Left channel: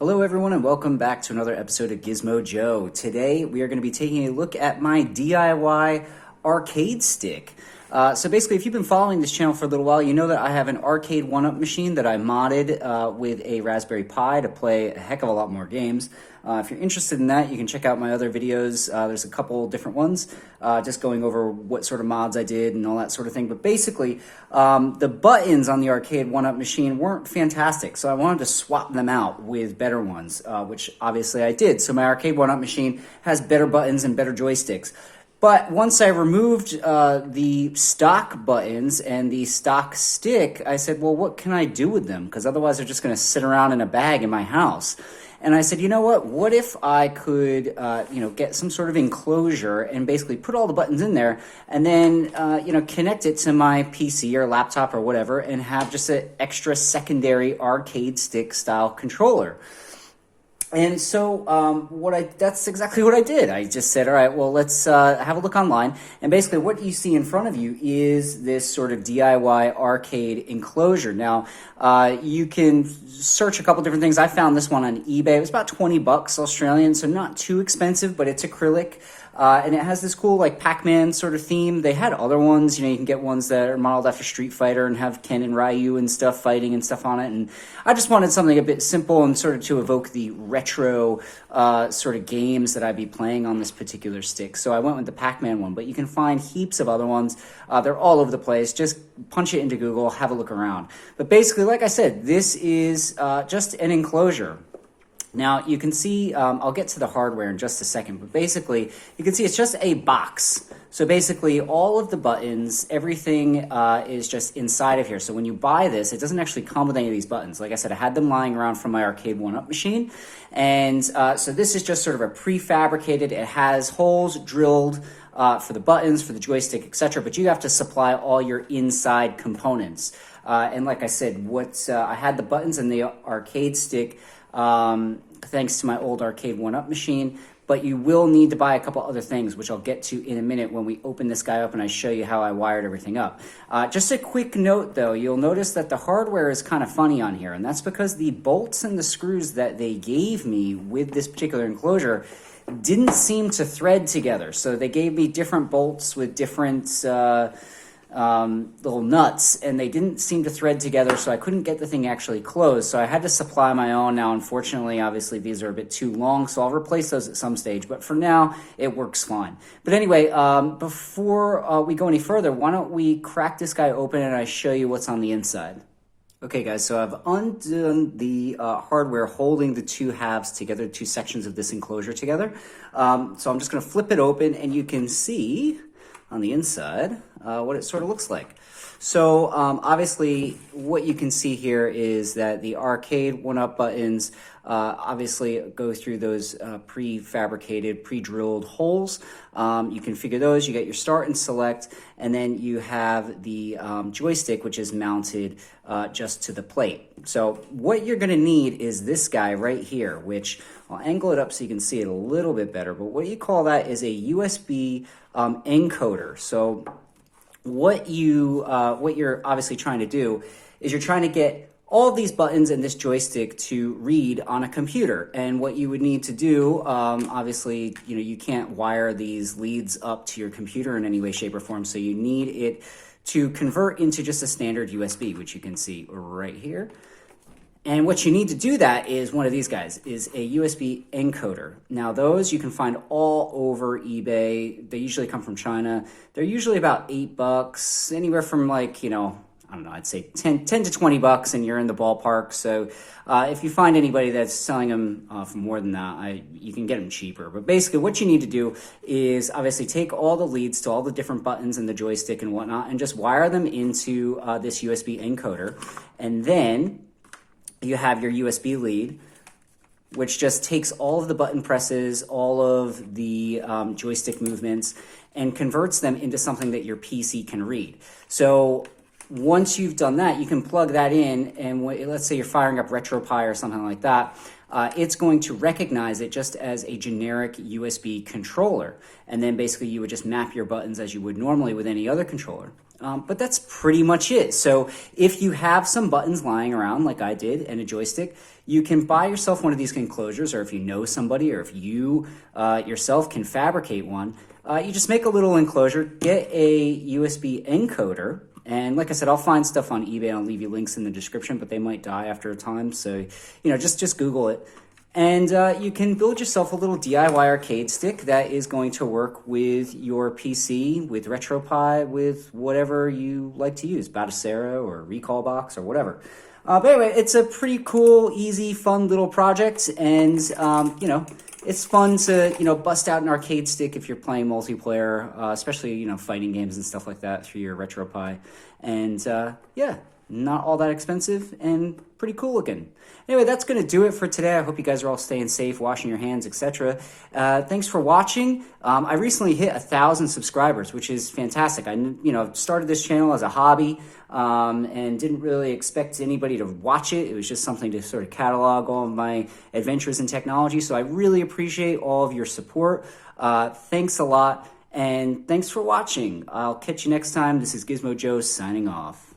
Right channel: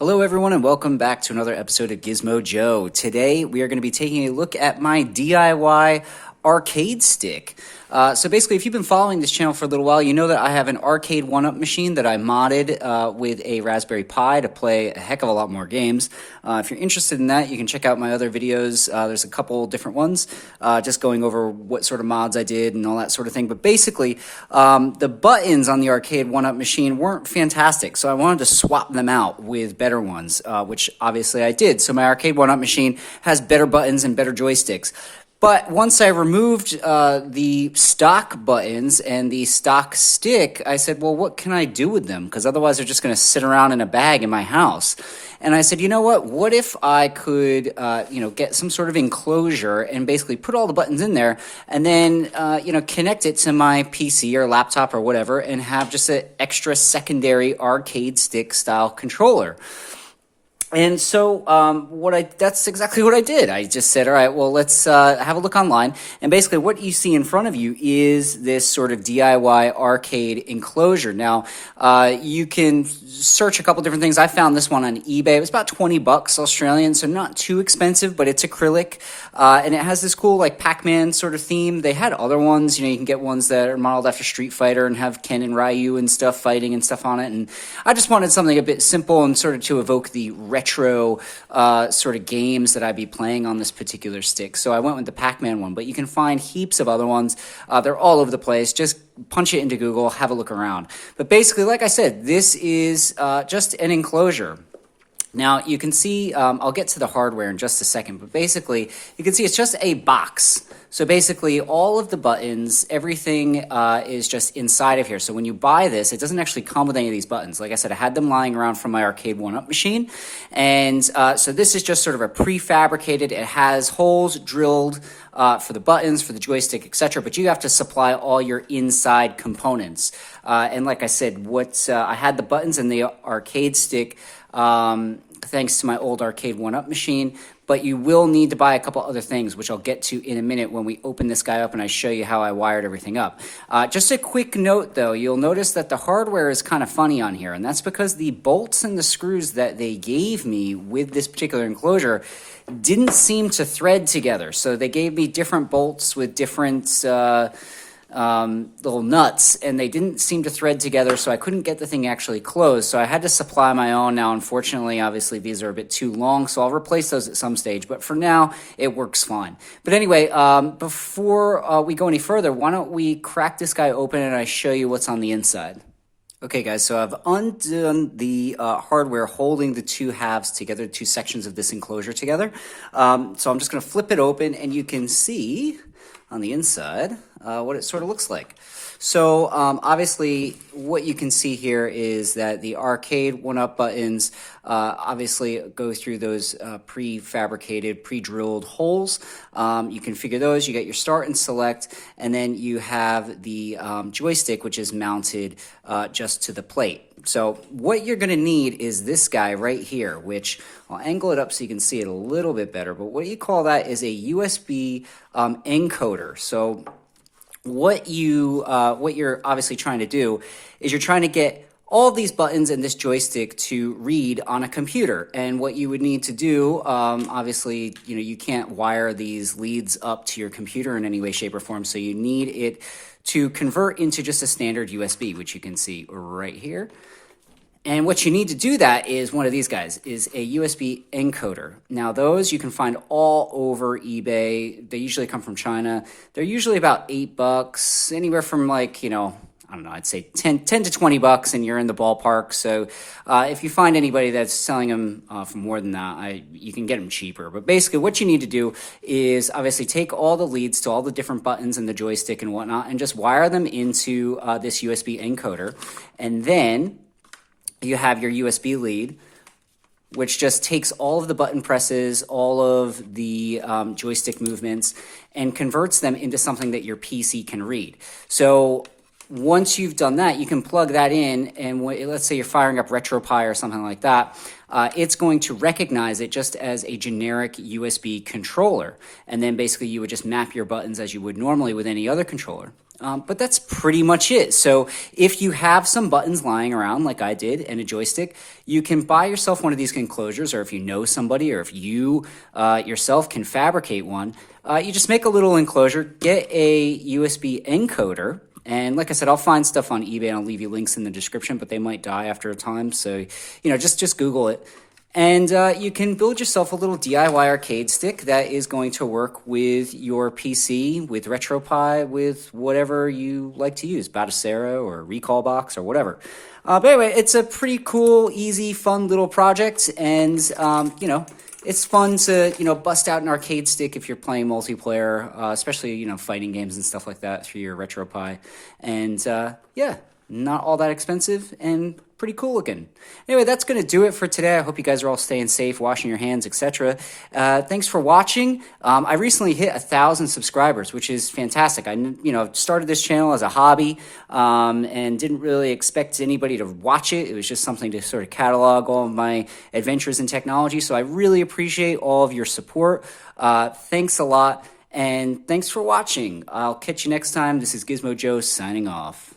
Hello everyone and welcome back to another episode of Gizmo Joe. Today we are going to be taking a look at my DIY arcade stick. So basically, if you've been following this channel for a little while, you know that I have an arcade one-up machine that I modded with a Raspberry Pi to play a heck of a lot more games. If you're interested in that, you can check out my other videos. There's a couple different ones, just going over what sort of mods I did and all that sort of thing. But basically, the buttons on the arcade one-up machine weren't fantastic, so I wanted to swap them out with better ones, which obviously I did. So my arcade one-up machine has better buttons and better joysticks. But once I removed the stock buttons and the stock stick, I said, well, what can I do with them? Because otherwise they're just going to sit around in a bag in my house. And I said, you know what? What if I could, get some sort of enclosure and basically put all the buttons in there and then, connect it to my PC or laptop or whatever and have just an extra secondary arcade stick style controller. And so that's exactly what I did. I just said, all right, well, let's have a look online. And basically what you see in front of you is this sort of DIY arcade enclosure. Now, you can search a couple different things. I found this one on eBay. It was about 20 bucks Australian, so not too expensive, but it's acrylic. And it has this cool like Pac-Man sort of theme. They had other ones, you can get ones that are modeled after Street Fighter and have Ken and Ryu and stuff fighting and stuff on it. And I just wanted something a bit simple and sort of to evoke the retro sort of games that I'd be playing on this particular stick. So I went with the Pac-Man one, but you can find heaps of other ones. They're all over the place. Just punch it into Google, have a look around. But basically, like I said, this is just an enclosure. Now, you can see, I'll get to the hardware in just a second, but basically, you can see it's just a box. So basically, all of the buttons, everything is just inside of here. So when you buy this, it doesn't actually come with any of these buttons. Like I said, I had them lying around from my arcade one-up machine. And so this is just sort of a prefabricated, it has holes drilled for the buttons, for the joystick, etc. But you have to supply all your inside components. And like I said, I had the buttons in the arcade stick, thanks to my old arcade one-up machine, but you will need to buy a couple other things, which I'll get to in a minute when we open this guy up and I show you how I wired everything up. Just a quick note, though, you'll notice that the hardware is kind of funny on here, and that's because the bolts and the screws that they gave me with this particular enclosure didn't seem to thread together. So they gave me different bolts with different little nuts, and they didn't seem to thread together, so I couldn't get the thing actually closed. So I had to supply my own. Now, unfortunately, obviously, these are a bit too long, so I'll replace those at some stage. But for now, it works fine. But anyway, before we go any further, why don't we crack this guy open and I show you what's on the inside. Okay, guys, so I've undone the hardware holding the two halves together, two sections of this enclosure together. So I'm just going to flip it open, and you can see on the inside what it sort of looks like. So obviously what you can see here is that the arcade one-up buttons obviously go through those prefabricated, pre-drilled holes. You configure those, you get your start and select, and then you have the joystick, which is mounted just to the plate. So what you're going to need is this guy right here, which I'll angle it up so you can see it a little bit better, but what you call that is a USB encoder. So what you're obviously trying to do is you're trying to get all of these buttons and this joystick to read on a computer. And what you would need to do, obviously, you can't wire these leads up to your computer in any way, shape, or form. So you need it to convert into just a standard USB, which you can see right here. And what you need to do that is one of these guys, is a USB encoder. Now those you can find all over eBay. They usually come from China. They're usually about $8, anywhere from like, I don't know, I'd say 10 to 20 bucks, and you're in the ballpark. So if you find anybody that's selling them for more than that, you can get them cheaper. But basically what you need to do is obviously take all the leads to all the different buttons in the joystick and whatnot and just wire them into this USB encoder. And then you have your USB lead, which just takes all of the button presses, all of the joystick movements, and converts them into something that your PC can read. So once you've done that, you can plug that in, and let's say you're firing up RetroPie or something like that, it's going to recognize it just as a generic USB controller. And then basically you would just map your buttons as you would normally with any other controller. But that's pretty much it. So if you have some buttons lying around like I did and a joystick, you can buy yourself one of these enclosures, or if you know somebody, or if you yourself can fabricate one, you just make a little enclosure, get a USB encoder, and like I said, I'll find stuff on eBay and I'll leave you links in the description, but they might die after a time. So, just Google it. And you can build yourself a little DIY arcade stick that is going to work with your PC, with RetroPie, with whatever you like to use, Batocera or Recalbox or whatever. But anyway, it's a pretty cool, easy, fun little project, and it's fun to bust out an arcade stick if you're playing multiplayer, especially fighting games and stuff like that through your RetroPie, and yeah. Not all that expensive and pretty cool looking. Anyway, that's going to do it for today. I hope you guys are all staying safe, washing your hands, etc. Thanks for watching. I recently hit 1,000 subscribers, which is fantastic. I started this channel as a hobby and didn't really expect anybody to watch it. It was just something to sort of catalog all of my adventures in technology. So I really appreciate all of your support. Thanks a lot, and thanks for watching. I'll catch you next time. This is Gizmo Joe signing off.